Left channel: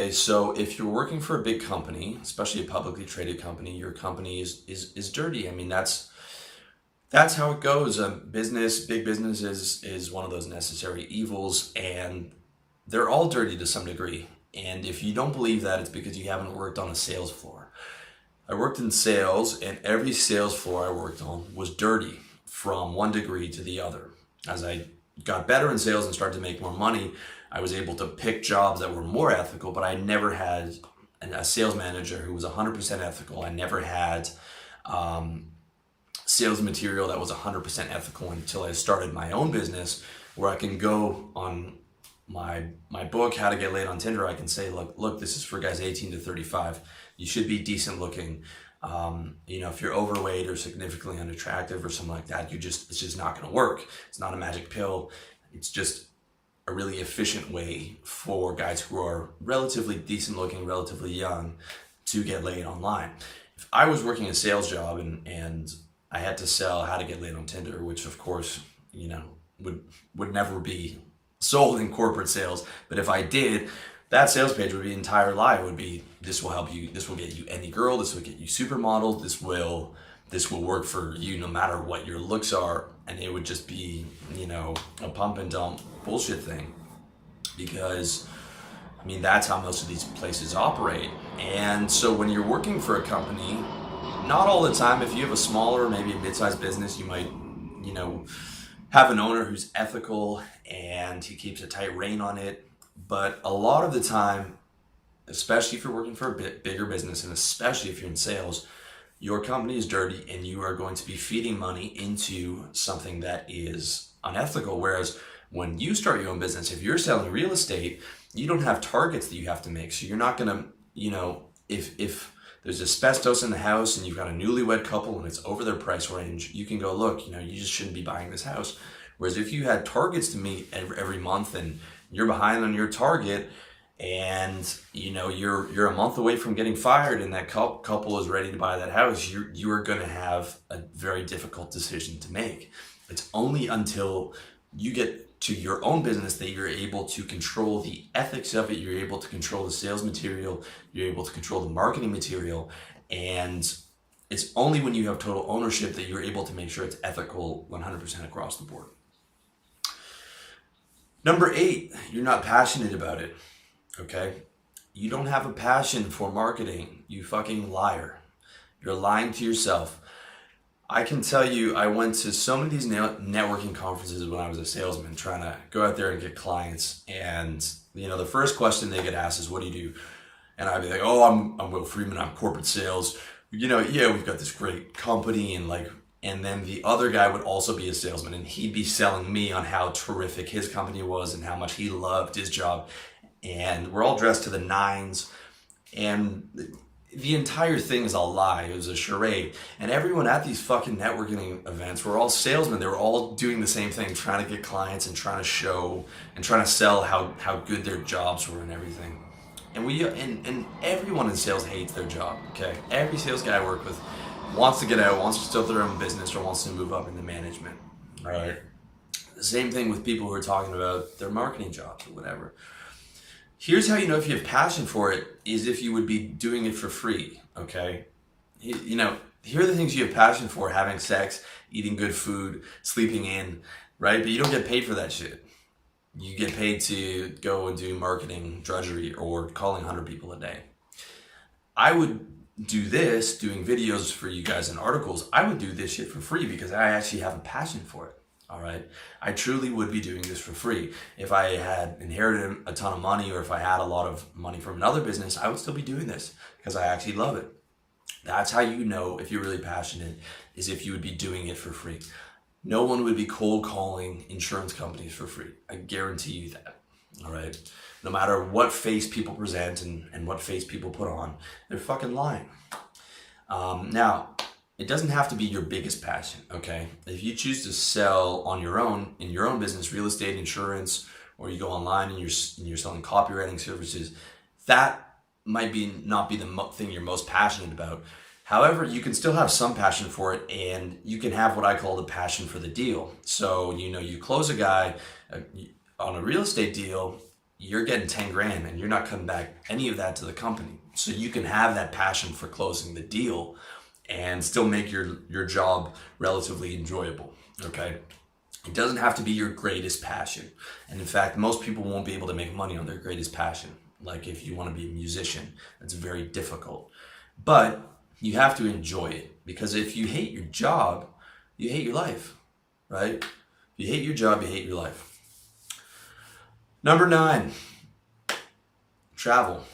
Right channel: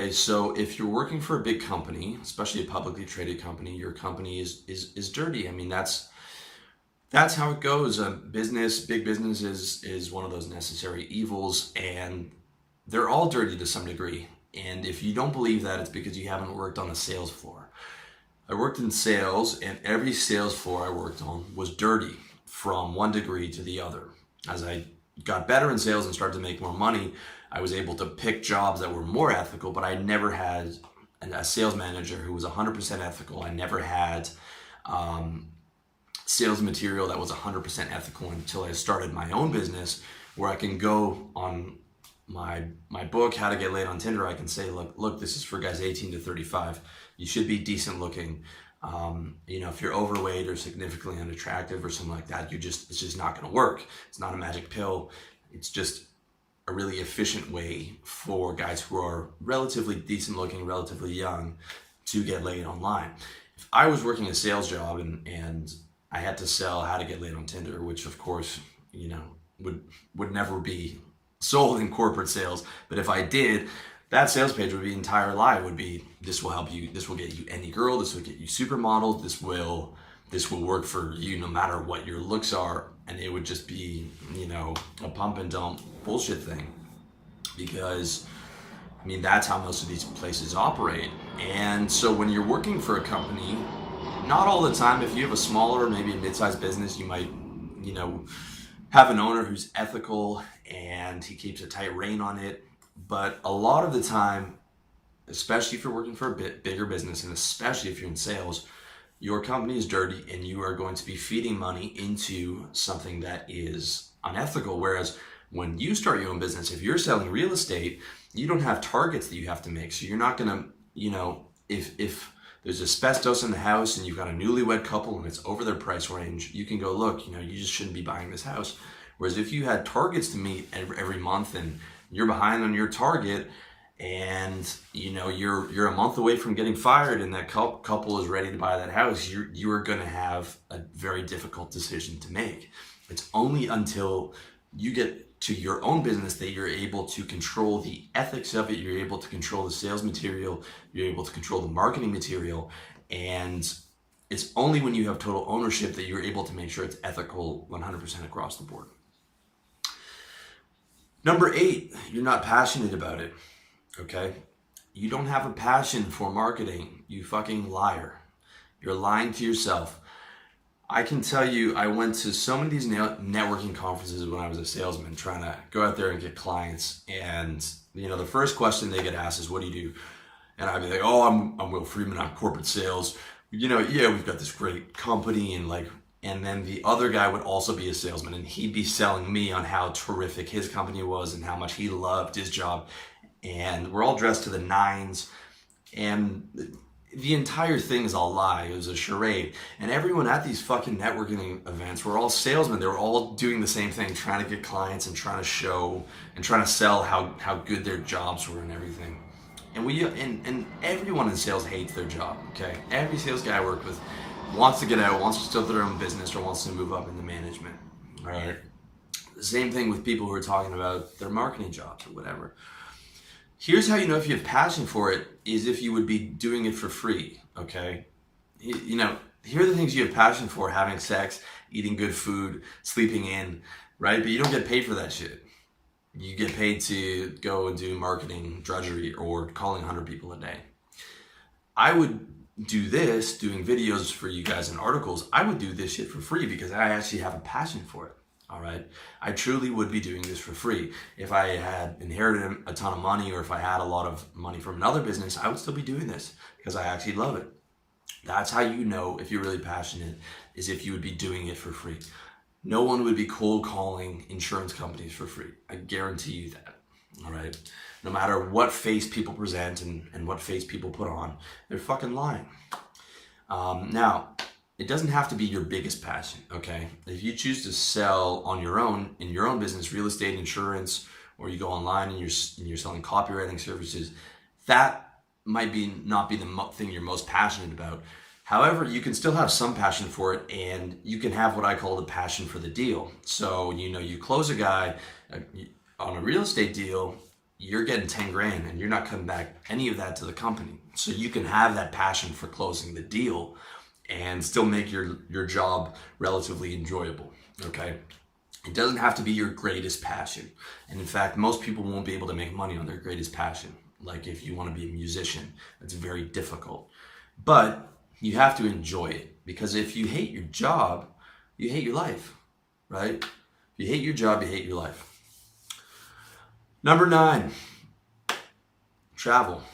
Okay, so if you're working for a big company, especially a publicly traded company, your company is dirty. I mean, that's how it goes. Big business is one of those necessary evils, and they're all dirty to some degree. And if you don't believe that, it's because you haven't worked on a sales floor. I worked in sales, and every sales floor I worked on was dirty from one degree to the other. As I got better in sales and started to make more money, I was able to pick jobs that were more ethical, but I never had a sales manager who was 100% ethical. I never had sales material that was 100% ethical until I started my own business, where I can go on my book, How to Get Laid on Tinder. I can say, look, this is for guys 18 to 35. You should be decent looking. If you're overweight or significantly unattractive or something like that, it's just not going to work. It's not a magic pill. It's just a really efficient way for guys who are relatively decent looking, relatively young, to get laid online. If I was working a sales job and I had to sell How to Get Laid on Tinder, which of course, would never be sold in corporate sales, but if I did, that sales page would be entire lie. It would be, this will help you, this will get you any girl, this will get you supermodels, this will work for you no matter what your looks are. And it would just be, a pump and dump bullshit thing. Because, that's how most of these places operate. And so when you're working for a company, not all the time, if you have a smaller, maybe a mid-sized business, you might, have an owner who's ethical and he keeps a tight rein on it. But a lot of the time, especially if you're working for a bit bigger business, and especially if you're in sales, your company is dirty and you are going to be feeding money into something that is unethical. Whereas when you start your own business, if you're selling real estate, you don't have targets that you have to make. So you're not gonna, if there's asbestos in the house and you've got a newlywed couple and it's over their price range, you can go, look, you just shouldn't be buying this house. Whereas if you had targets to meet every month and you're behind on your target, and you're a month away from getting fired, and that couple is ready to buy that house, you are going to have a very difficult decision to make. It's only until you get to your own business that you're able to control the ethics of it, you're able to control the sales material, you're able to control the marketing material, and it's only when you have total ownership that you're able to make sure it's ethical 100% across the board. Number 8, you're not passionate about it. Okay? You don't have a passion for marketing, you fucking liar. You're lying to yourself. I can tell you, I went to so many of these networking conferences when I was a salesman, trying to go out there and get clients. And, the first question they get asked is, what do you do? And I'd be like, oh, I'm Will Friedman, I'm corporate sales. We've got this great company, and then the other guy would also be a salesman, and he'd be selling me on how terrific his company was and how much he loved his job. And we're all dressed to the nines, and the entire thing is a lie. It was a charade. And everyone at these fucking networking events were all salesmen. They were all doing the same thing, trying to get clients and trying to show and trying to sell how good their jobs were and everything. And everyone in sales hates their job, okay? Every sales guy I work with wants to get out, wants to start their own business, or wants to move up into management, all right? The same thing with people who are talking about their marketing jobs or whatever. Here's how you know if you have passion for it, is if you would be doing it for free, okay? Here are the things you have passion for: having sex, eating good food, sleeping in, right? But you don't get paid for that shit. You get paid to go and do marketing drudgery or calling 100 people a day. I would do this, doing videos for you guys and articles. I would do this shit for free because I actually have a passion for it. All right. I truly would be doing this for free. If I had inherited a ton of money, or if I had a lot of money from another business, I would still be doing this because I actually love it. That's how you know if you're really passionate, is if you would be doing it for free. No one would be cold calling insurance companies for free. I guarantee you that. All right. No matter what face people present and what face people put on, they're fucking lying. Now, it doesn't have to be your biggest passion, okay? If you choose to sell on your own, in your own business, real estate, insurance, or you go online and you're selling copywriting services, that might not be the thing you're most passionate about. However, you can still have some passion for it, and you can have what I call the passion for the deal. So, you close a guy on a real estate deal, you're getting 10 grand and you're not cutting back any of that to the company. So you can have that passion for closing the deal and still make your job relatively enjoyable, okay? It doesn't have to be your greatest passion. And in fact, most people won't be able to make money on their greatest passion. Like if you want to be a musician, it's very difficult. But you have to enjoy it, because if you hate your job, you hate your life, right? If you hate your job, you hate your life. Number 9, travel.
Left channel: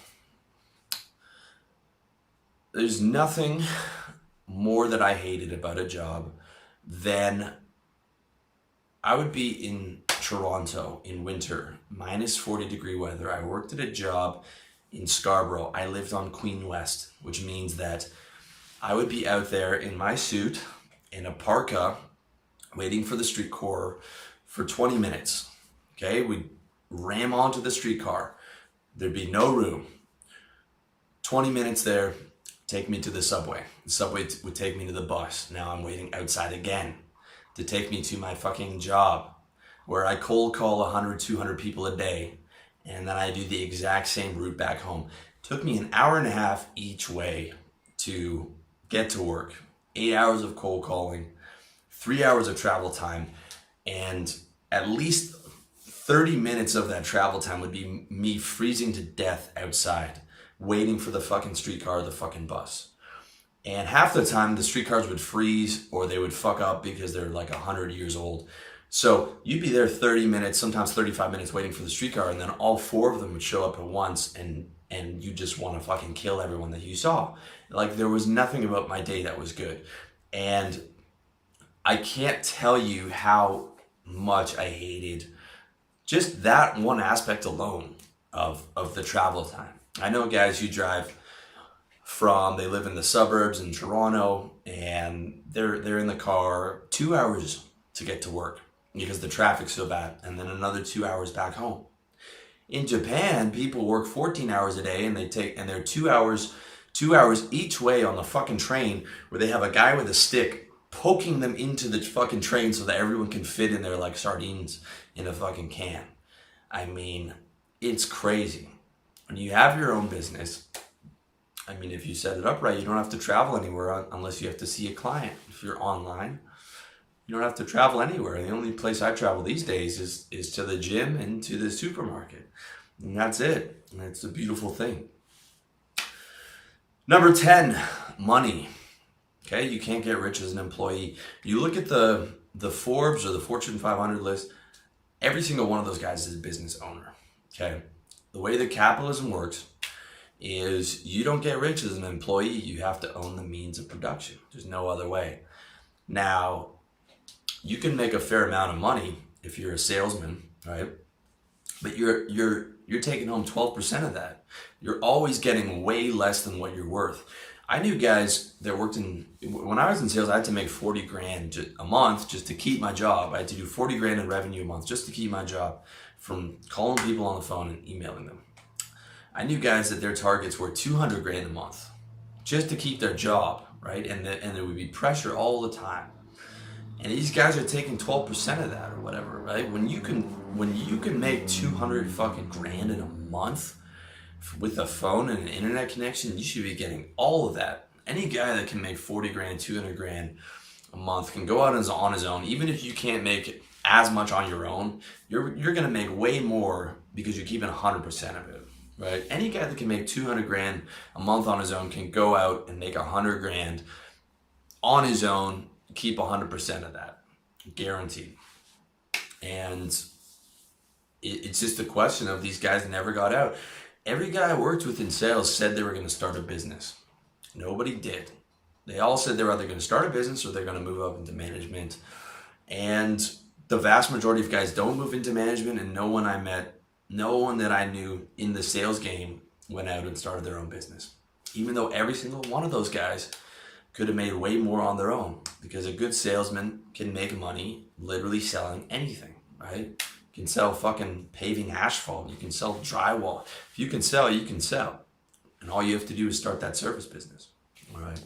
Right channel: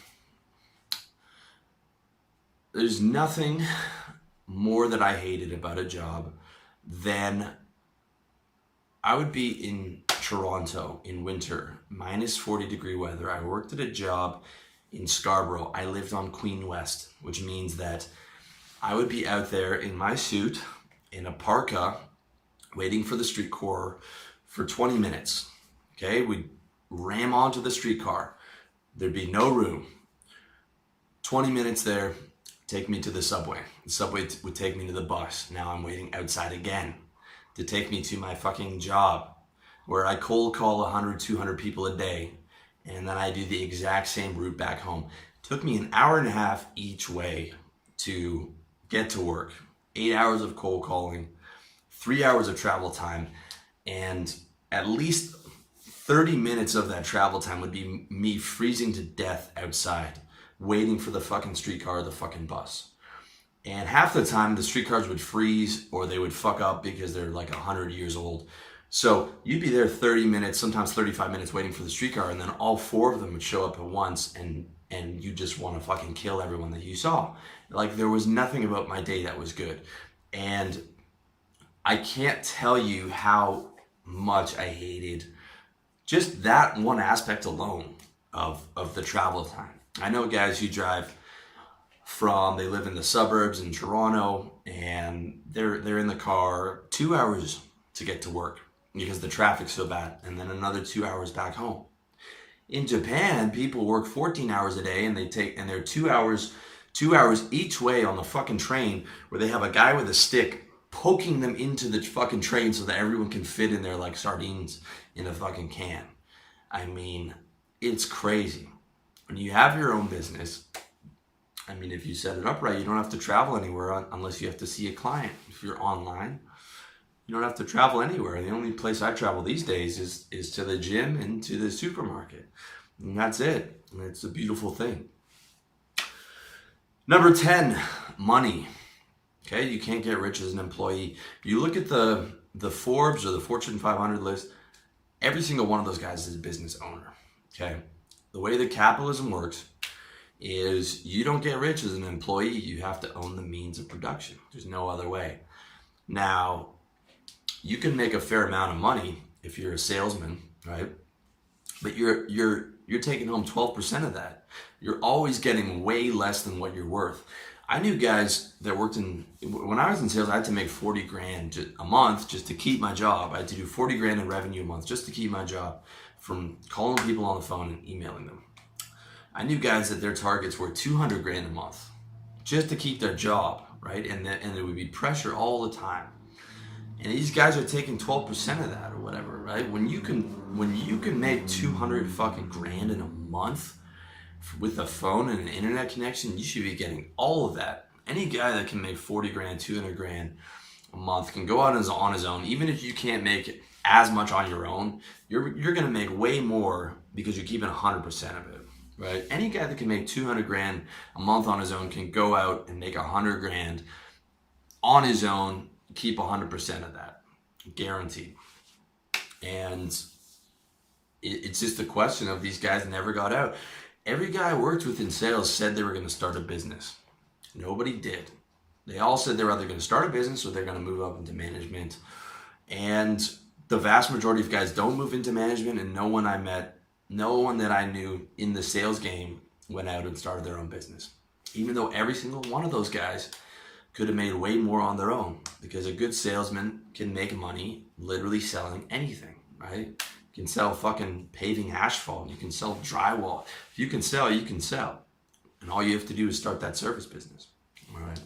There's nothing more that I hated about a job than I would be in Toronto in winter, minus 40-degree weather. I worked at a job in Scarborough. I lived on Queen West, which means that I would be out there in my suit, in a parka, waiting for the streetcar for 20 minutes. Okay, we'd ram onto the streetcar. There'd be no room. 20 minutes there, take me to the subway. The subway would take me to the bus. Now I'm waiting outside again to take me to my fucking job, where I cold call 100, 200 people a day, and then I do the exact same route back home. It took me an hour and a half each way to get to work. 8 hours of cold calling, 3 hours of travel time, and at least 30 minutes of that travel time would be me freezing to death outside, waiting for the fucking streetcar or the fucking bus. And half the time the streetcars would freeze or they would fuck up because they're like 100 years old. So you'd be there 30 minutes, sometimes 35 minutes waiting for the streetcar, and then all 4 of them would show up at once, and you just want to fucking kill everyone that you saw. Like, there was nothing about my day that was good. And I can't tell you how much I hated just that one aspect alone of the travel time. I know guys who drive they live in the suburbs in Toronto, and they're in the car 2 hours to get to work because the traffic's so bad, and then another 2 hours back home. In Japan, people work 14 hours a day, and they're 2 hours each way on the fucking train, where they have a guy with a stick poking them into the fucking train so that everyone can fit in there like sardines in a fucking can. I mean, it's crazy. When you have your own business, I mean, if you set it up right, you don't have to travel anywhere unless you have to see a client. If you're online, you don't have to travel anywhere. The only place I travel these days is to the gym and to the supermarket. And that's it. And it's a beautiful thing. Number 10, money. Okay, you can't get rich as an employee. You look at the Forbes or the Fortune 500 list, every single one of those guys is a business owner. Okay, the way that capitalism works is you don't get rich as an employee. You have to own the means of production. There's no other way. Now, you can make a fair amount of money if you're a salesman, right? But you're taking home 12% of that. You're always getting way less than what you're worth. I knew guys that worked when I was in sales, I had to make 40 grand a month just to keep my job. I had to do 40 grand in revenue a month just to keep my job from calling people on the phone and emailing them. I knew guys that their targets were 200 grand a month just to keep their job, right? And there would be pressure all the time. And these guys are taking 12% of that or whatever, right? When you can make 200 fucking grand in a month with a phone and an internet connection, you should be getting all of that. Any guy that can make 40 grand, 200 grand a month can go out on his own. Even if you can't make as much on your own, you're gonna make way more because you're keeping 100% of it, right? Any guy that can make 200 grand a month on his own can go out and make 100 grand on his own, keep 100% of that, guaranteed. And it's just a question of these guys never got out. Every guy I worked with in sales said they were going to start a business. Nobody did. They all said they were either going to start a business or they're going to move up into management. And the vast majority of guys don't move into management, and no one that I knew in the sales game went out and started their own business. Even though every single one of those guys could have made way more on their own, because a good salesman can make money literally selling anything, right? You can sell fucking paving asphalt. You can sell drywall. If you can sell, you can sell. And all you have to do is start that service business, all right?